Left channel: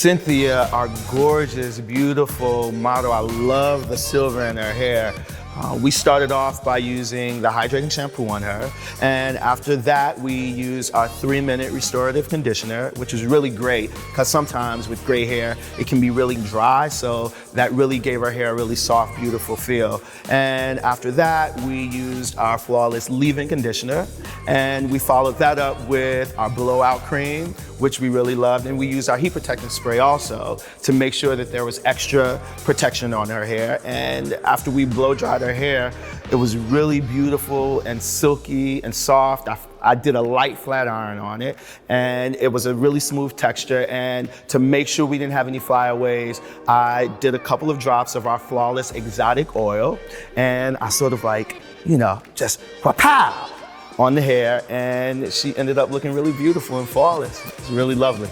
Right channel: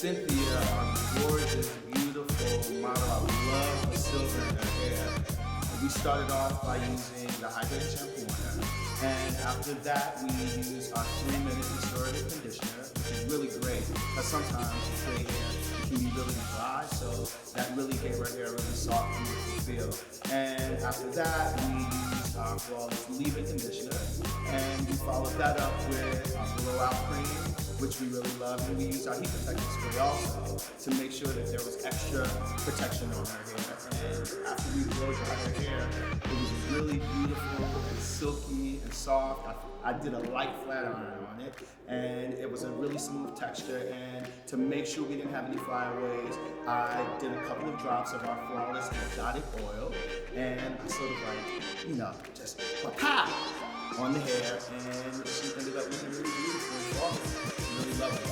Cynthia, our gorgeous, beautiful model, I love the silver in her hair. We started off by using the hydrating shampoo on her, and after that we used our 3-minute restorative conditioner, which is really great because sometimes with gray hair it can be really dry, so that really gave her hair a really soft, beautiful feel. And after that we used our Flawless leave-in conditioner, and we followed that up with our blowout cream, which we really loved, and we used our heat protectant spray also to make sure that there was extra protection on her hair. And after we blow dried her hair, it was really beautiful and silky and soft. I did a light flat iron on it, and it was a really smooth texture. And to make sure we didn't have any flyaways, I did a couple of drops of our Flawless exotic oil, and I sort of like, you know, just pow on the hair, and she ended up looking really beautiful and flawless. It's really lovely.